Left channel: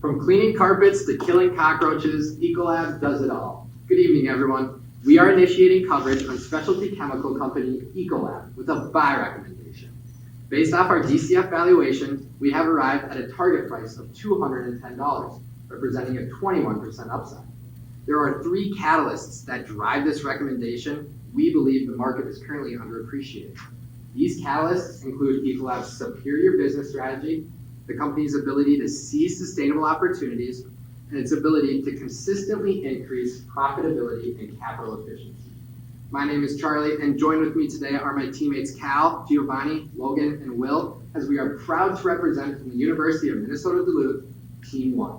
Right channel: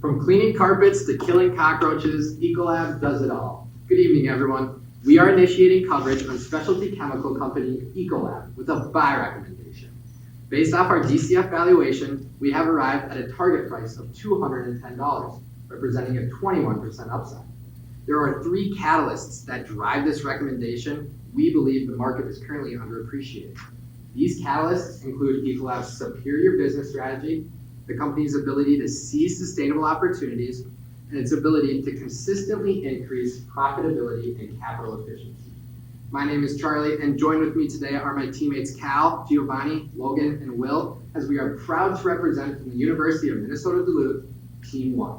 From cleaning carpets to killing cockroaches, Ecolab does it all. Good evening, everyone. We are initiating coverage on specialty chemical company Ecolab with a buy recommendation. Based off our DCF valuation, we have arrived at a target price of $210, representing a 21% upside. There are three catalysts that drive this recommendation. We believe the market is currently underappreciated. These catalysts include Ecolab's superior business strategy, the company's ability to seize sustainable opportunities, and its ability to consistently increase profitability and capital efficiency. My name is Charlie, and joined with me today are my teammates Cal, Giovanni, Logan, and Will, as we are proud to represent from the University of Minnesota Duluth, Team 1.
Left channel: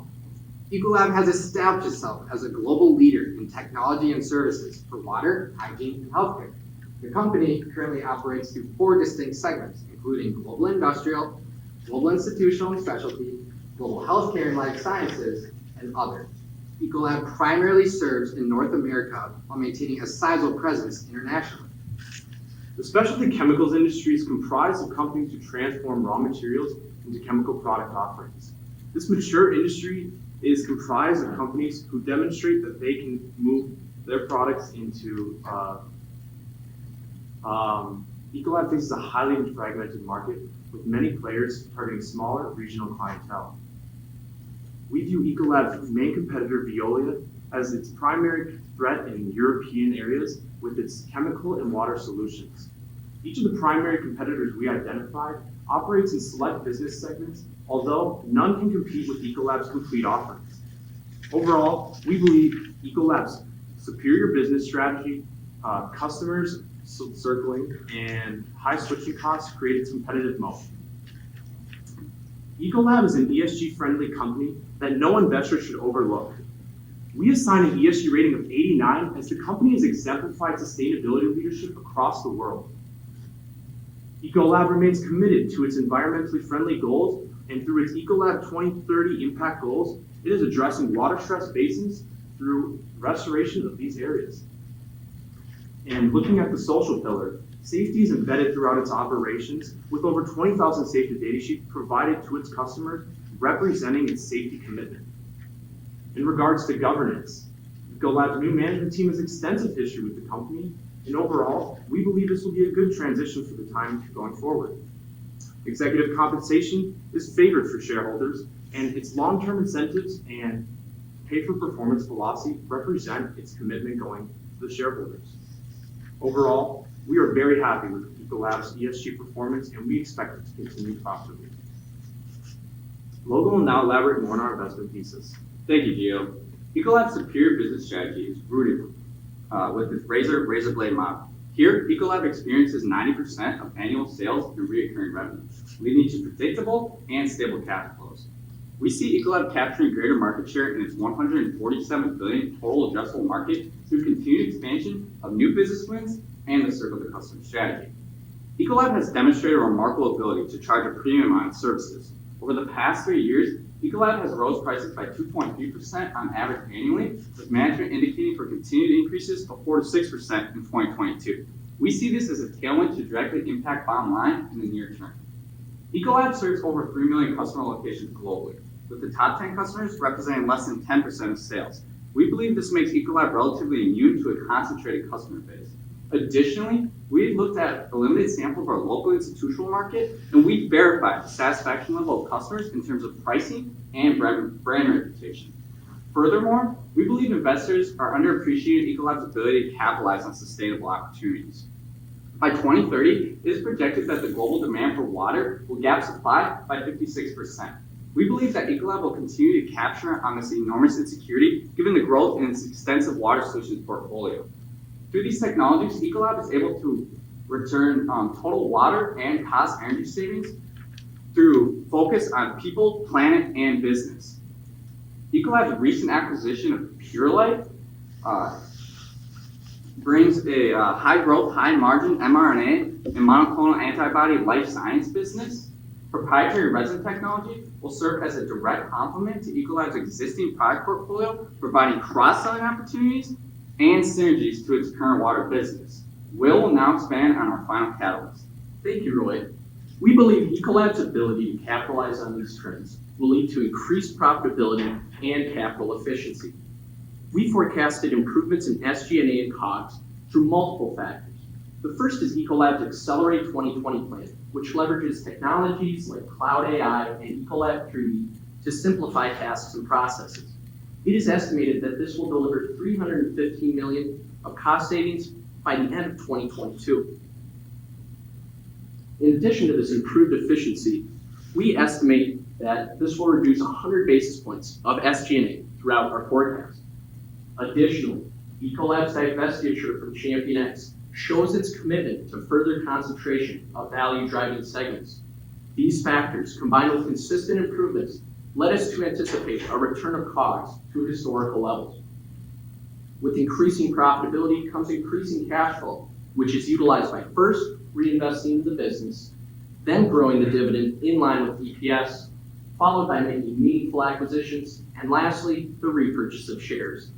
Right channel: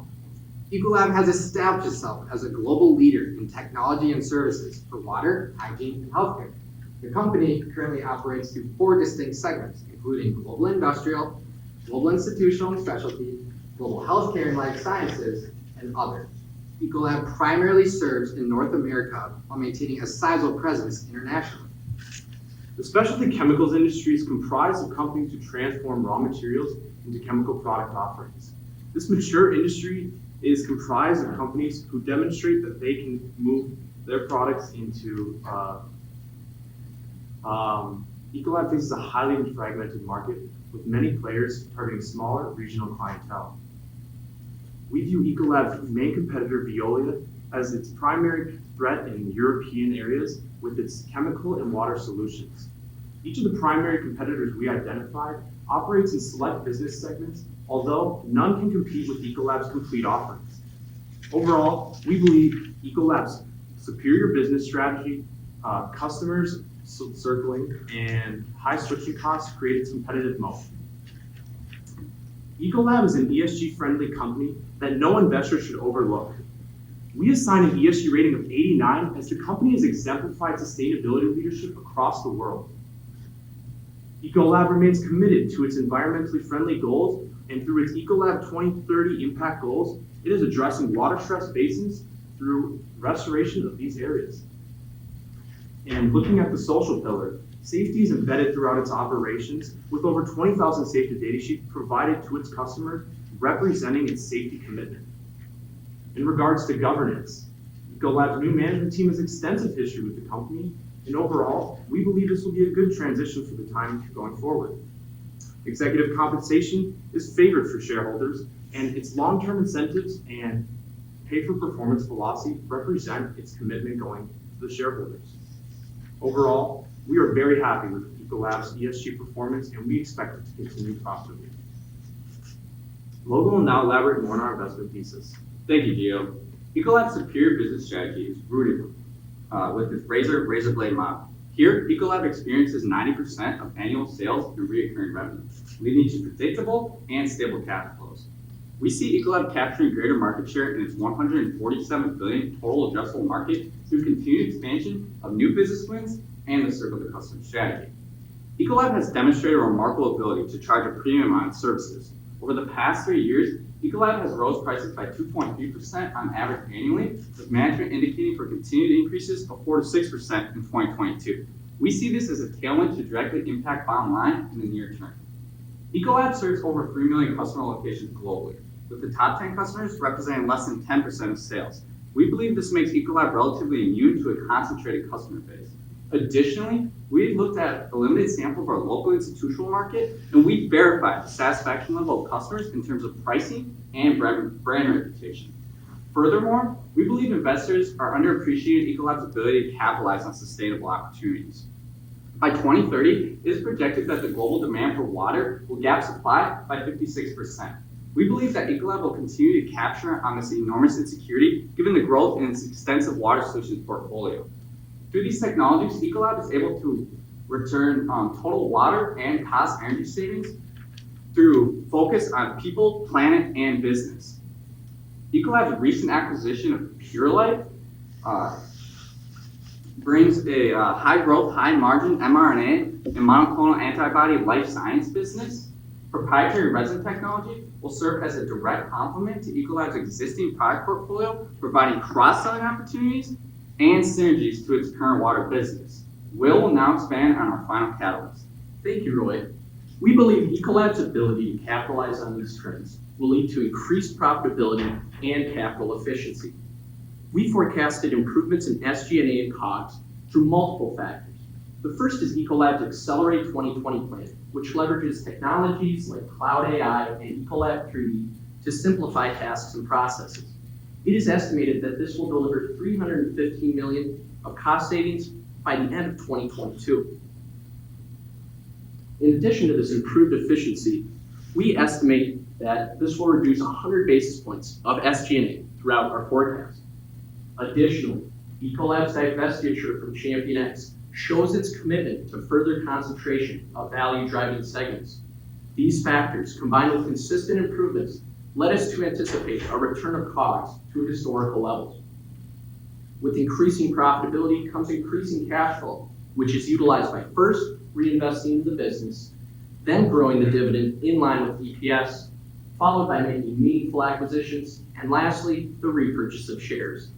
Ecolab has established itself as a global leader in technology and services for water, hygiene, and healthcare. The company currently operates through 4 distinct segments, including global industrial, global institutional and specialty, global healthcare and life sciences, and others. Ecolab primarily serves in North America while maintaining a sizable presence internationally. The specialty chemicals industry is comprised of companies who transform raw materials into chemical product offerings. This mature industry is comprised of companies who demonstrate that they can move their products into Ecolab faces a highly fragmented market with many players targeting smaller regional clientele. We view Ecolab's main competitor, Veolia, as its primary threat in European areas with its chemical and water solutions. Each of the primary competitors we identified operates in select business segments, although none can compete with Ecolab's complete offerings. Overall, we believe Ecolab's superior business strategy, customers circling, and high switching costs create its competitive moat. Ecolab is an ESG-friendly company that no investor should overlook. We assign an ESG rating of 89 as the company has exemplified sustainability leadership across the world. Ecolab remains committed to its environmentally friendly goals, and through its Ecolab 2030 impact goals, it is addressing water-stressed basins through restoration of these areas. And looking at the social pillar, safety is embedded throughout its operations, with over 20,000 safety data sheets provided to its customers representing its safety commitment. In regards to governance, Ecolab's new management team has extensive history with the company, and overall, we believe this will be a good transition for the time going forward. Executive compensation is favored for shareholders, and its long-term incentives and pay-for-performance philosophy represent its commitment going to the shareholders. Overall, we are very happy with Ecolab's ESG performance, and we expect it to continue profitably. Logan will now elaborate more on our investment thesis. Thank you, Gio. Ecolab's superior business strategy is rooted with its razor blade model. Here, Ecolab experiences 90% of annual sales and recurring revenue, leading to predictable and stable cash flows. We see Ecolab capturing greater market share in its $147 billion total addressable market through continued expansion of new business wins and the circle to customer strategy. Ecolab has demonstrated a remarkable ability to charge a premium on its services. Over the past 3 years, Ecolab has rose prices by 2.3% on average annually, with management indicating for continued increases of 4 to 6% in 2022. We see this as a tailwind to directly impact bottom line in the near term. Ecolab serves over 3 million customer locations globally, with the top 10 customers representing less than 10% of sales. We believe this makes Ecolab relatively immune to a concentrated customer base. Additionally, we've looked at a limited sample of our local institutional market, and we verified the satisfaction level of customers in terms of pricing and brand reputation. Furthermore, we believe investors are underappreciating Ecolab's ability to capitalize on sustainable opportunities. By 2030, it is projected that the global demand for water will gap supply by 56%. We believe that Ecolab will continue to capture on this enormous insecurity given the growth in its extensive water solutions portfolio. Through these technologies, Ecolab is able to return total water and cost energy savings through focus on people, planet, and business. Ecolab's recent acquisition of Purelight brings a high-growth, high-margin mRNA and monoclonal antibody life science business. Proprietary resin technology will serve as a direct complement to Ecolab's existing product portfolio, providing cross-selling opportunities and synergies to its current water business. Will now expand on our final catalyst. Thank you, Roy. We believe Ecolab's ability to capitalize on these trends will lead to increased profitability and capital efficiency. We forecasted improvements in SG&A and COGS through multiple factors. The first is Ecolab's Accelerate 2020 plan, which leverages technologies like Cloud AI and Ecolab 3D to simplify tasks and processes. It is estimated that this will deliver $315 million of cost savings by the end of 2022. In addition to this improved efficiency, we estimate that this will reduce 100 basis points of SG&A throughout our forecast. Additionally, Ecolab's divestiture from ChampionX shows its commitment to further concentration of value-driving segments. These factors, combined with consistent improvements, led us to anticipate a return of COGS to historical levels. With increasing profitability comes increasing cash flow, which is utilized by first reinvesting in the business, then growing the dividend in line with EPS, followed by making meaningful acquisitions, and lastly, the repurchase of shares.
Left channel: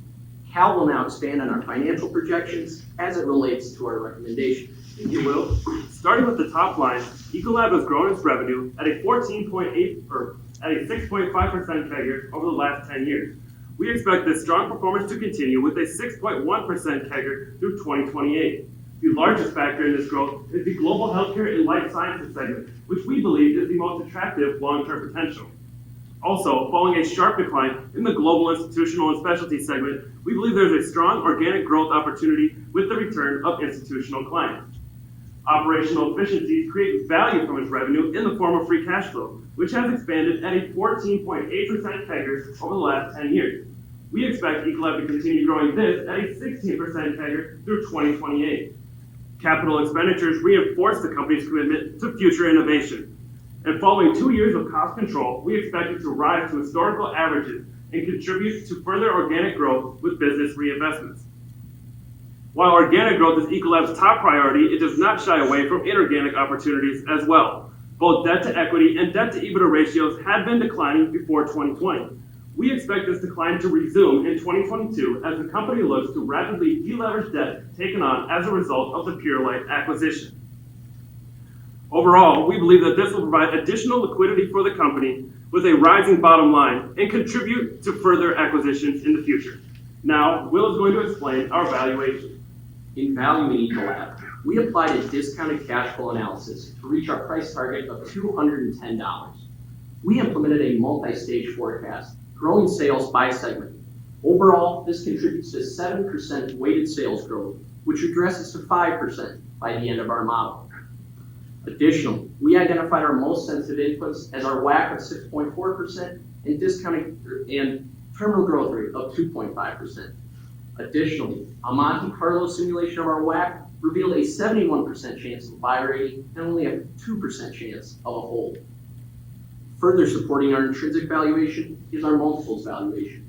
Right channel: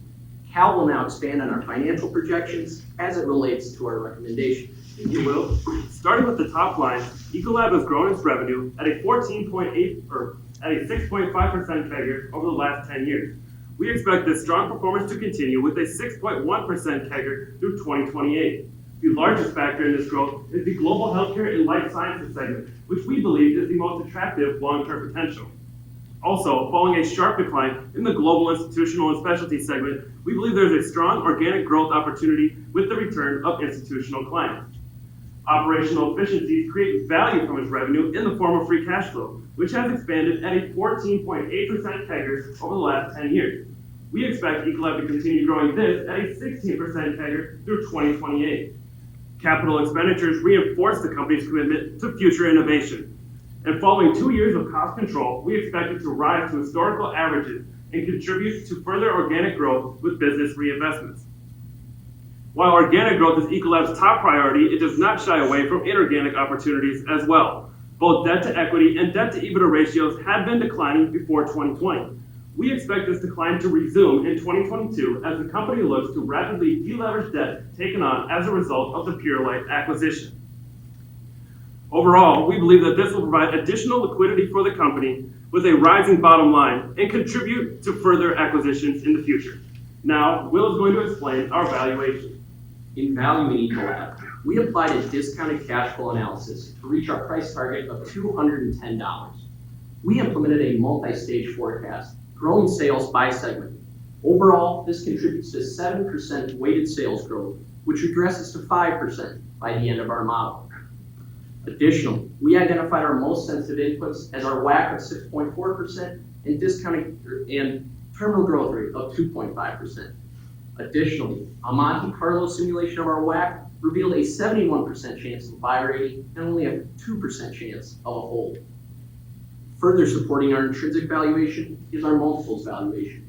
Cal will now expand on our financial projections as it relates to our recommendation. Thank you, Will. Starting with the top line, Ecolab has grown its revenue at a 6.5% CAGR over the last 10 years. We expect this strong performance to continue with a 6.1% CAGR through 2028. The largest factor in this growth is the global healthcare and life sciences segment, which we believe is the most attractive long-term potential. Also, following a sharp decline in the global institutional and specialty segment, we believe there is a strong organic growth opportunity with the return of institutional clients. Operational efficiencies create value from its revenue in the form of free cash flow, which has expanded at a 14.8% CAGR over the last 10 years. We expect Ecolab to continue growing this at a 16% CAGR through 2028. Capital expenditures reinforce the company's commitment to future innovation. And following 2 years of cost control, we expect it to rise to historical averages and contribute to further organic growth with business reinvestments. While organic growth is Ecolab's top priority, it does not shy away from inorganic opportunities as well. Both debt to equity and debt to EBITDA ratios had been declining before 2020. We expect this decline to resume in 2022 as the company looks to rapidly deleverage debt taken on as a result of the Purolite acquisition. Overall, we believe that this will provide additional liquidity for the company with a rising bottom line and contribute to further acquisitions in the future. Now, Will is going to explain our valuation. In valuing Ecolab, we applied a discounted cash flow analysis to reach our price target of $210. We implemented a multi-stage forecast, growing sales by segment. Overall, this contributes to 7% weighted sales growth, which regresses to 5% by the end of our model. Additionally, we identified our most sensitive inputs as our WACC of 6.4% and discounting and terminal growth rate of 2.5%. Additionally, a Monte Carlo simulation of our WACC revealed a 71% chance of buy rating and only a 2% chance of a hold. Further supporting our intrinsic valuation is our multiples valuation.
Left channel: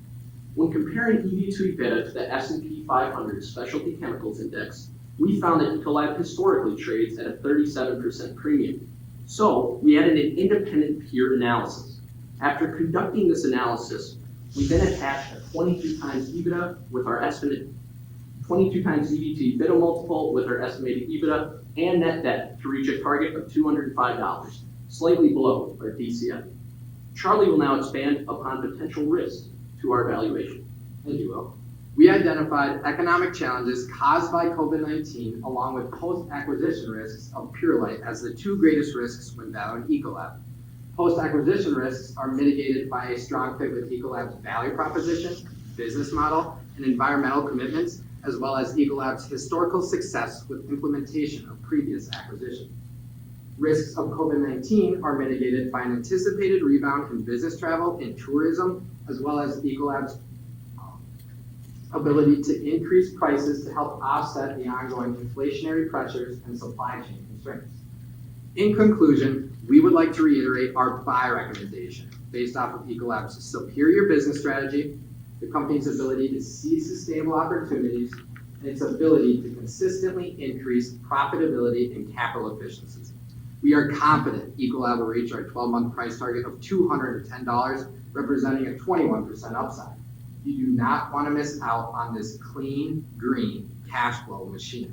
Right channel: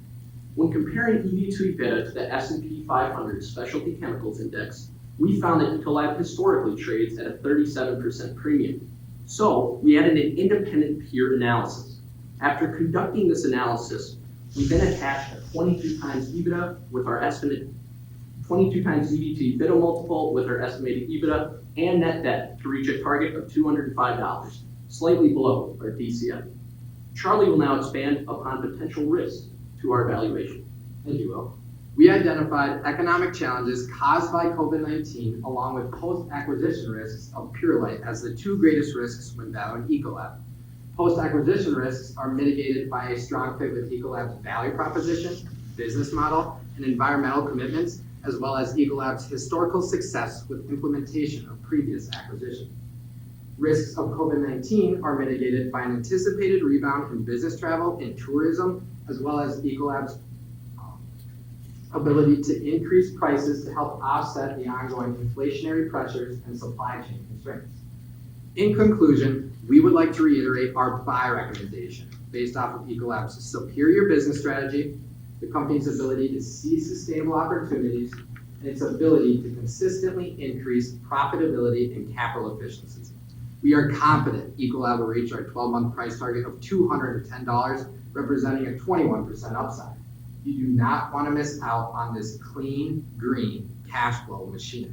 When comparing EV to EBITDA to the S&P 500 Specialty Chemicals Index, we found that Ecolab historically trades at a 37% premium. So we added an independent peer analysis. After conducting this analysis, we then attached a 22 times EBITDA with our estimate, 22 times EV to EBITDA multiple with our estimated EBITDA and net debt to reach a target of $205, slightly below our DCF. Charlie will now expand upon potential risks to our valuation. Thank you, Will. We identified economic challenges caused by COVID-19 along with post-acquisition risks of Purolite as the two greatest risks when valuing Ecolab. Post-acquisition risks are mitigated by a strong fit with Ecolab's value proposition, business model, and environmental commitments, as well as Ecolab's historical success with implementation of previous acquisitions. Risks of COVID-19 are mitigated by an anticipated rebound in business travel and tourism, as well as Ecolab's ability to increase prices to help offset the ongoing inflationary pressures and supply chain constraints. In conclusion, we would like to reiterate our buy recommendation based off of Ecolab's superior business strategy, the company's ability to seize sustainable opportunities, and its ability to consistently increase profitability and capital efficiencies. We are confident Ecolab will reach our 12-month price target of $210, representing a 21% upside. You do not want to miss out on this clean, green cash flow machine.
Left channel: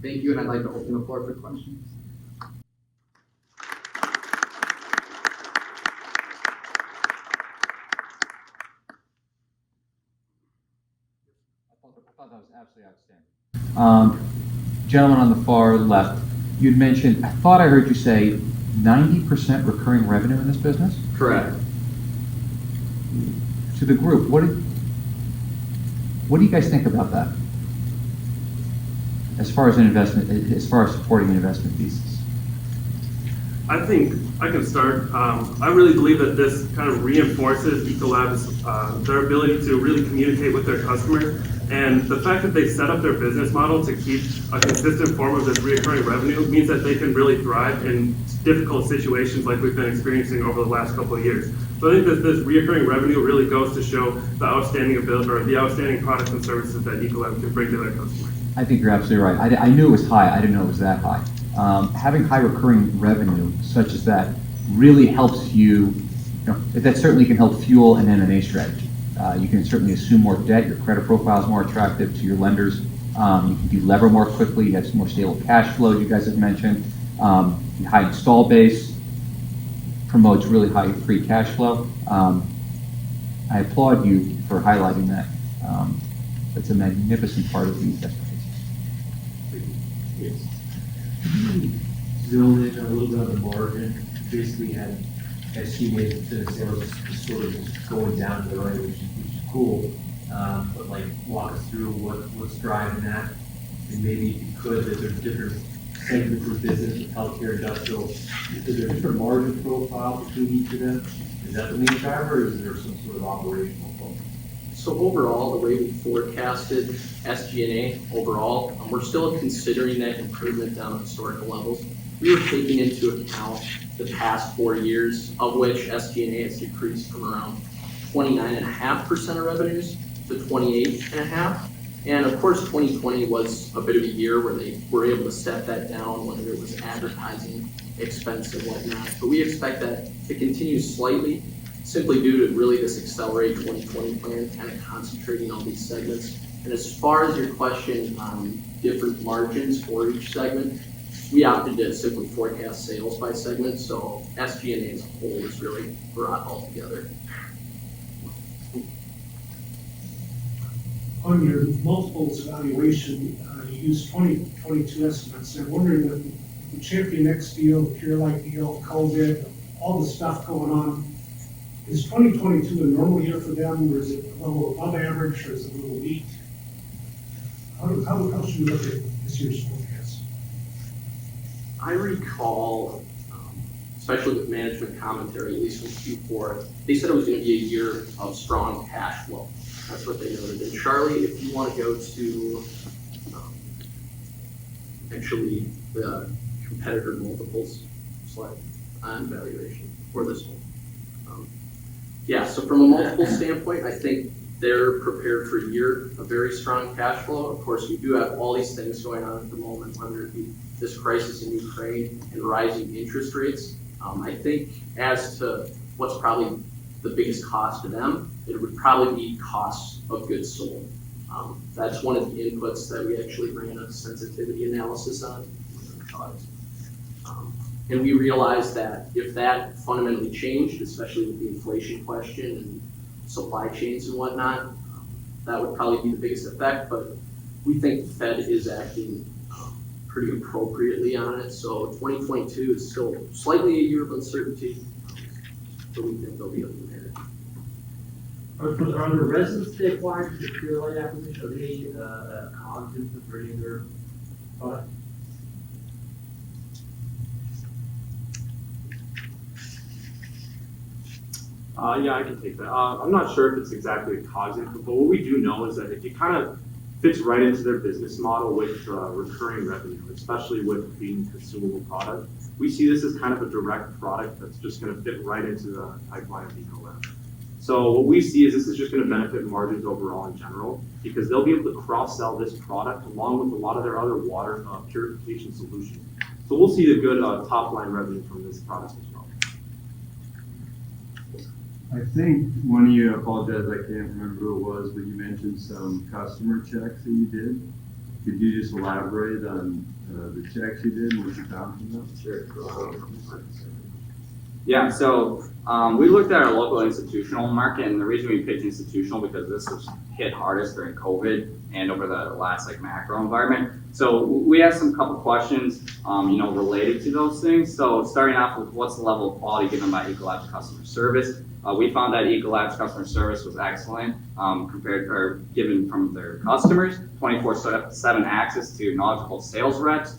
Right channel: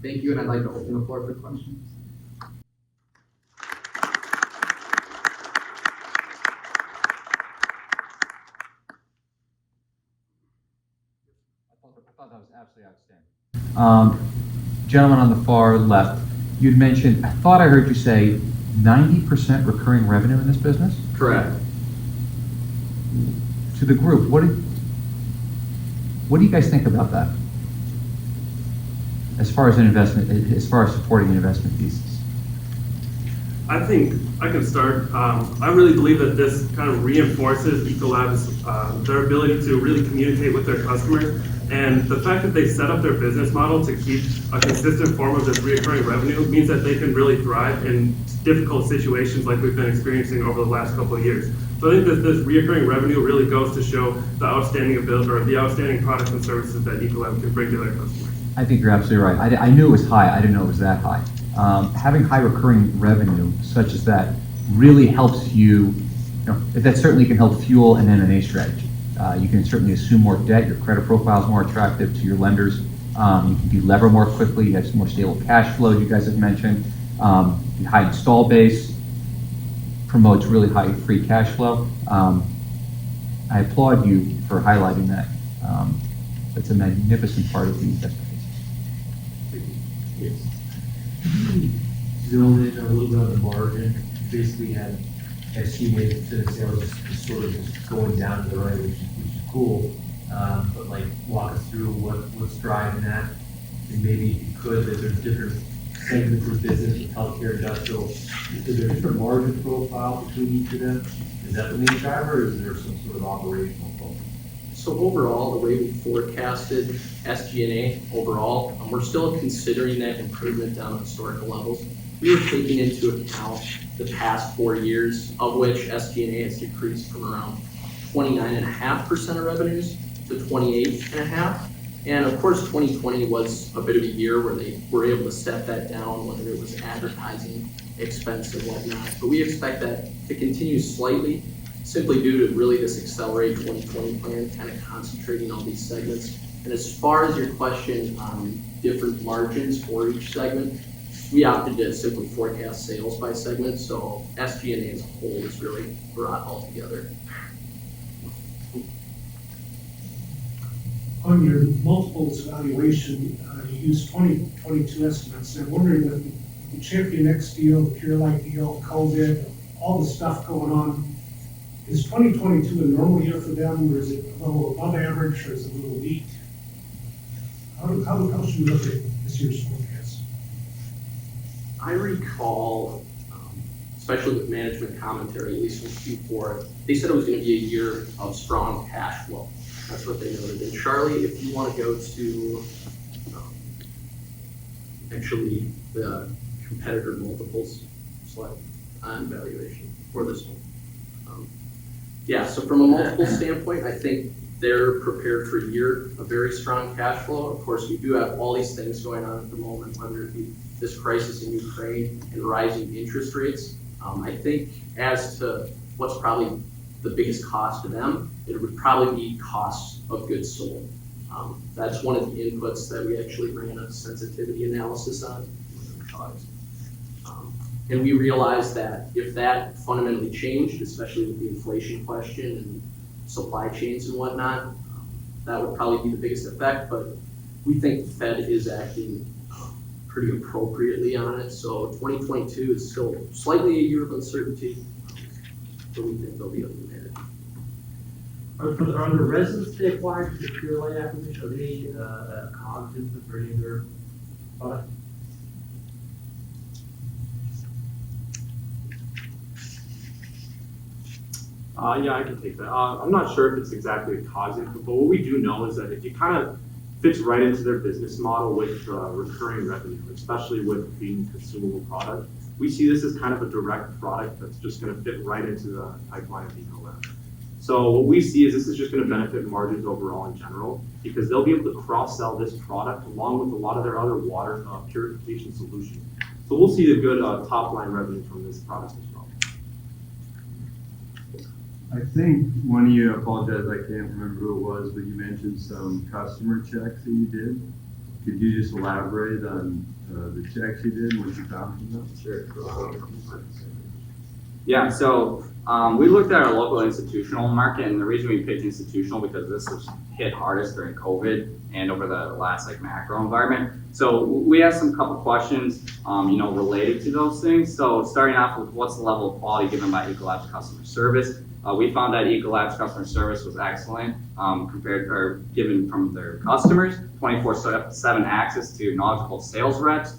Thank you, and I'd like to open the floor for questions. gentleman on the far left, you'd mentioned, I thought I heard you say 90% recurring revenue in this business? Correct. To the group, what do you guys think about that? As far as an investment, as far as supporting an investment thesis? I think I can start. I really believe that this kind of reinforces Ecolab's their ability to really communicate with their customers, and the fact that they set up their business model to keep a consistent form of this recurring revenue means that they can really thrive in difficult situations like we've been experiencing over the last couple of years. So I think that this recurring revenue really goes to show the outstanding ability or the outstanding products and services that Ecolab can bring to their customers. I think you're absolutely right. I knew it was high. I didn't know it was that high. Having high recurring revenue such as that really helps you, that certainly can help fuel an M&A strategy. You can certainly assume more debt. Your credit profile is more attractive to your lenders. You can delever more quickly. You have some more stable cash flow, you guys have mentioned. High install base promotes really high free cash flow. I applaud you for highlighting that. That's a magnificent part of the investment thesis. Zoom in a little bit on the margin. You basically had SG&A percent of sales is sort of going down to the right, which is cool. But like walk us through what's driving that, and maybe if you could, that there's different segments of the business, of healthcare, industrial. Is there a different margin profile between each of them? Is that the main driver, or is there some sort of operational focus? So overall, the way we forecasted SG&A overall, we're still considering that improvement down at historical levels. We were taking into account the past 4 years, of which SG&A has decreased from around 29.5% of revenues to 28.5%. And of course, 2020 was a bit of a year where they were able to step that down, whether it was advertising expense and whatnot. But we expect that to continue slightly, simply due to really this Accelerate 2020 plan, kind of concentrating on these segments. And as far as your question on different margins for each segment, we opted to simply forecast sales by segment, so SG&A as a whole is really brought all together. On your multiples valuation, you used 2022 estimates. I'm wondering if the Champion X deal, Purelight deal, COVID, all the stuff going on, is 2022 a normal year for them, or is it a little above average, or is it a little weak? How should we look at this year's forecast? I recall, especially with management commentary, at least in Q4, they said it was going to be a year of strong cash flow. That's what they noted. And Charlie, if you want to go to actually the competitor multiples slide on valuation for this one. Yeah, so from a multiple standpoint, I think they're prepared for a year of very strong cash flow. Of course, we do have all these things going on at the moment, whether it be this crisis in Ukraine and rising interest rates. I think as to what's probably the biggest cost to them, it would probably be costs of goods sold. That's one of the inputs that we actually ran a sensitivity analysis on. And we realized that if that fundamentally changed, especially with the inflation question and supply chains and whatnot, that would probably be the biggest effect. But we think the Fed is acting pretty appropriately on it. So 2022 is still slightly a year of uncertainty, but we think they'll be able to manage. Are the residents they acquired for the Purelight acquisition, are they a cost input for any of their products? Yeah, I can take that. I'm not sure if it's exactly a cause input, but what we do know is that it kind of fits right into their business model with recurring revenue, especially with being consumable product. We see this as kind of a direct product that's just going to fit right into the pipeline of Ecolab. So what we see is this is just going to benefit margins overall in general, because they'll be able to cross-sell this product along with a lot of their other water purification solutions. So we'll see a good top-line revenue from this product as well. I think one of you, I apologize, I can't remember who it was, but you mentioned some customer checks that you did. Could you just elaborate on the checks you did and what you found from them? Sure. Yeah, so we looked at our local institutional market, and the reason we picked institutional because this is hit hardest during COVID and over the last like macro environment. So we asked some couple questions, related to those things. So starting off with what's the level of quality given by Ecolab's customer service? We found that Ecolab's customer service was excellent given from their customers, 24/7 access to knowledgeable sales reps.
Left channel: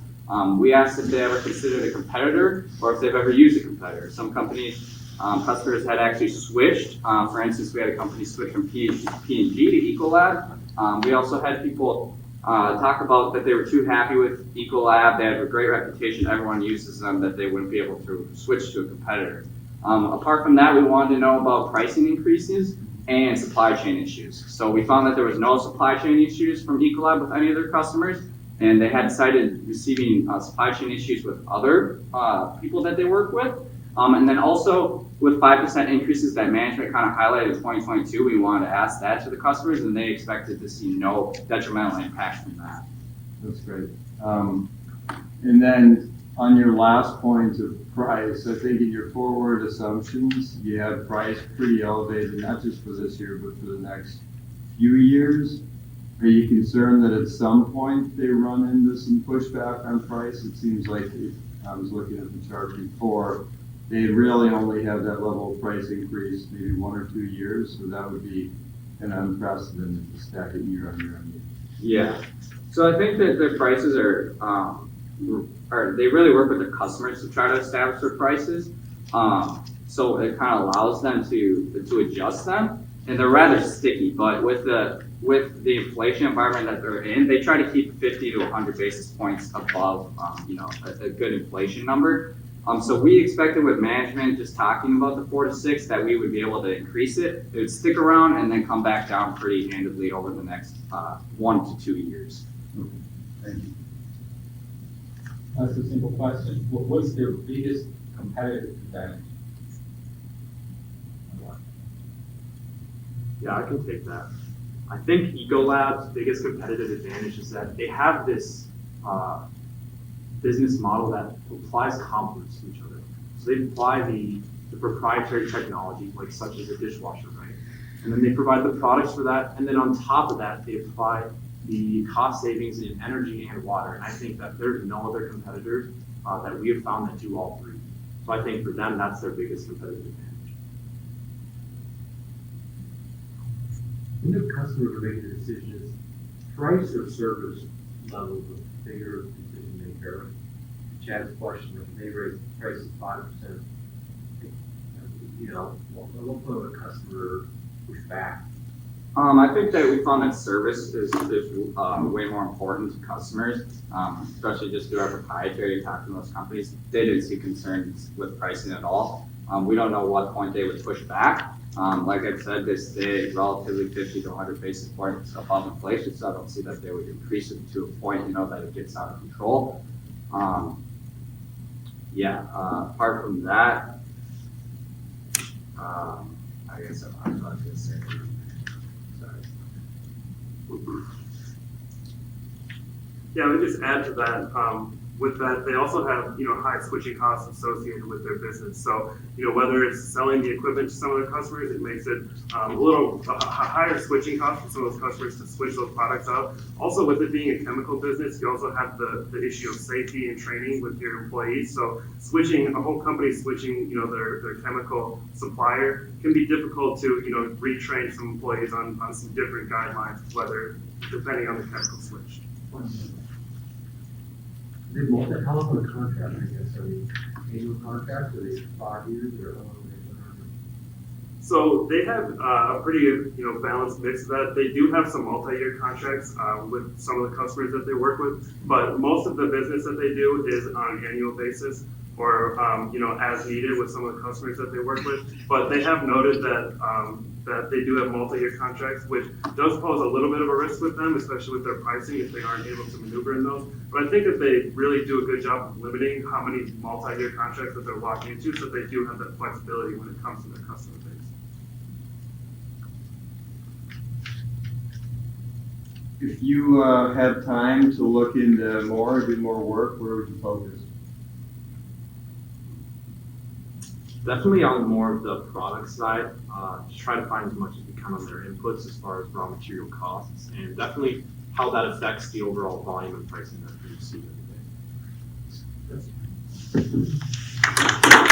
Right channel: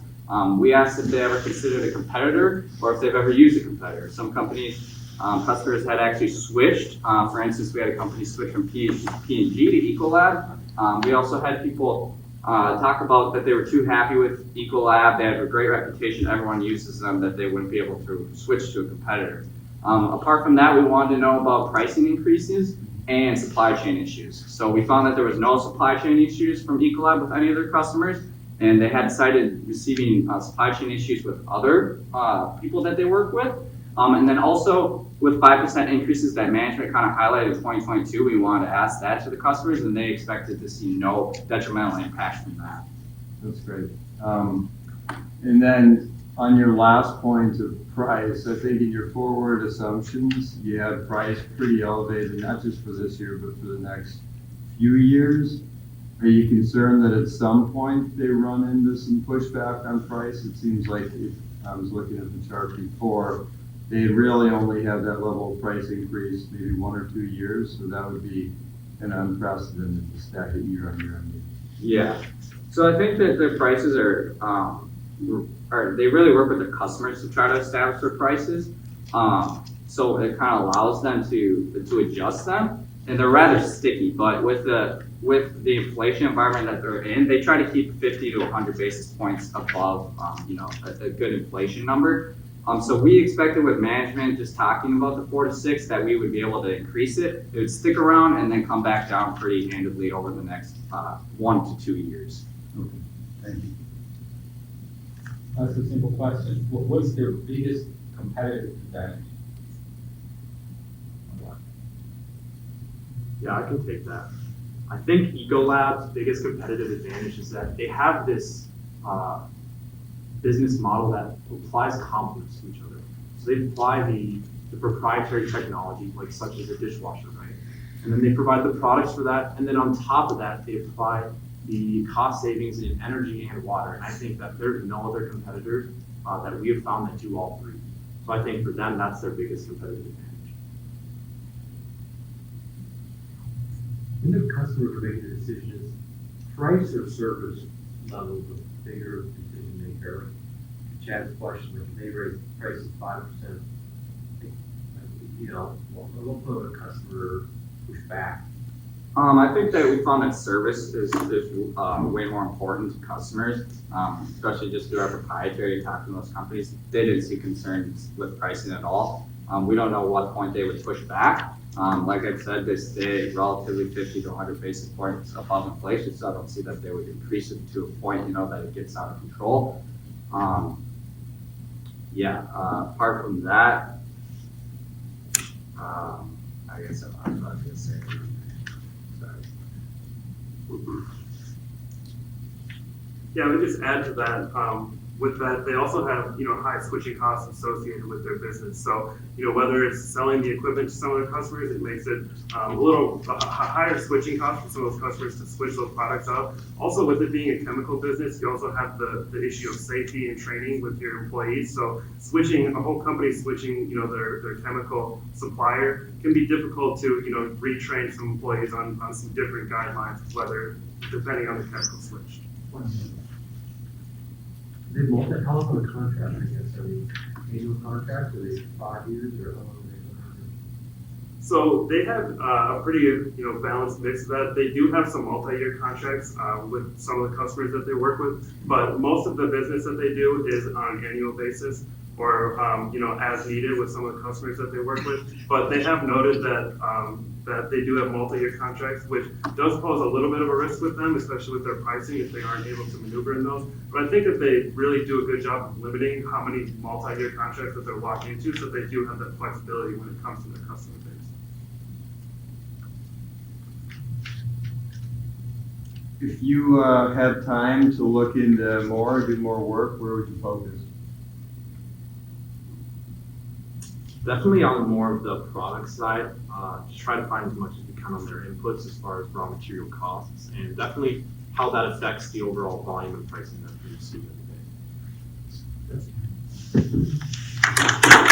We asked if they ever considered a competitor or if they've ever used a competitor. Some companies, customers had actually switched. For instance, we had a company switch from P&G to Ecolab. We also had people talk about that they were too happy with Ecolab. They have a great reputation. Everyone uses them, that they wouldn't be able to switch to a competitor. Apart from that, we wanted to know about pricing increases and supply chain issues. So we found that there was no supply chain issues from Ecolab with any of their customers, and they had cited receiving supply chain issues with other people that they work with. And then also with 5% increases that management kind of highlighted in 2022, we wanted to ask that to the customers, and they expected to see no detrimental impact from that. That's great. And then on your last point of price, I think in your forward assumptions, you have price pretty elevated, not just for this year, but for the next few years. Are you concerned that at some point they run into some pushback on price? It seems like, I was looking at the chart before, they really only have that level of price increase maybe 1 or 2 years, so that would be an unprecedented to stack it year on year on year. Yeah. So I think that their prices are they really work with their customers to try to establish their prices. So it kind of allows them to adjust them, and they're rather sticky. But with the inflation environment that they're in, they try to keep 50 to 100 basis points above, a good inflation number. So we expected with management just talking about the 4 to 6 that we would be able to increase it. It would stick around and then come back down pretty handedly over the next 1 to 2 years. Okay. Thank you. That's a simple question. What's their biggest competitive advantage? Yeah, I can take that. I think Ecolab's biggest competitive advantage is that they have this business model that applies complements to each other. So they apply the proprietary technology, like such as a dishwasher, right? And then they provide the products for that. And then on top of that, they apply the cost savings in energy and water. And I think that there's no other competitors that we have found that do all three. So I think for them, that's their biggest competitive advantage. When the customer makes a decision, is price or service level the bigger decision maker? Chad's question, if they raise prices 5%, a little bit of a customer push back. I think that we found that service is way more important to customers, especially just through our proprietary talking to those companies. They didn't see concerns with pricing at all. We don't know what point they would push back. Like I said, they stay relatively 50 to 100 basis points above inflation, so I don't see that they would increase it to a point, that it gets out of control. Apart from that, I guess I was going to say. Sorry. Yeah, I would just add to that, with that, they also have, high switching costs associated with their business. So, whether it's selling the equipment to some of the customers, it makes it a higher switching cost for some of those customers to switch those products out. Also, with it being a chemical business, you also have the issue of safety and training with your employees. So a whole company switching, their chemical supplier can be difficult to, retrain some employees on some different guidelines, depending on the chemical switch. They how long the contract, I guess? Are they annual contracts? Are they 5 years or how long are they? So they have a pretty, balanced mix of that. They do have some multi-year contracts with some of the customers that they work with, but most of the business that they do is on an annual basis or, as needed with some of the customers that they work with. But they have noted that that they do have multi-year contracts, which does pose a little bit of a risk with them, especially with their pricing if they aren't able to maneuver in those. But I think that they really do a good job of limiting how many multi-year contracts that they're locking into, so they do have that flexibility when it comes to their customer base. If you had time to look into more, do more work, where would you focus? Definitely on more of the product side, just try to find as much as we can on their inputs as far as raw material costs, and definitely how that affects the overall volume and pricing that we receive every day.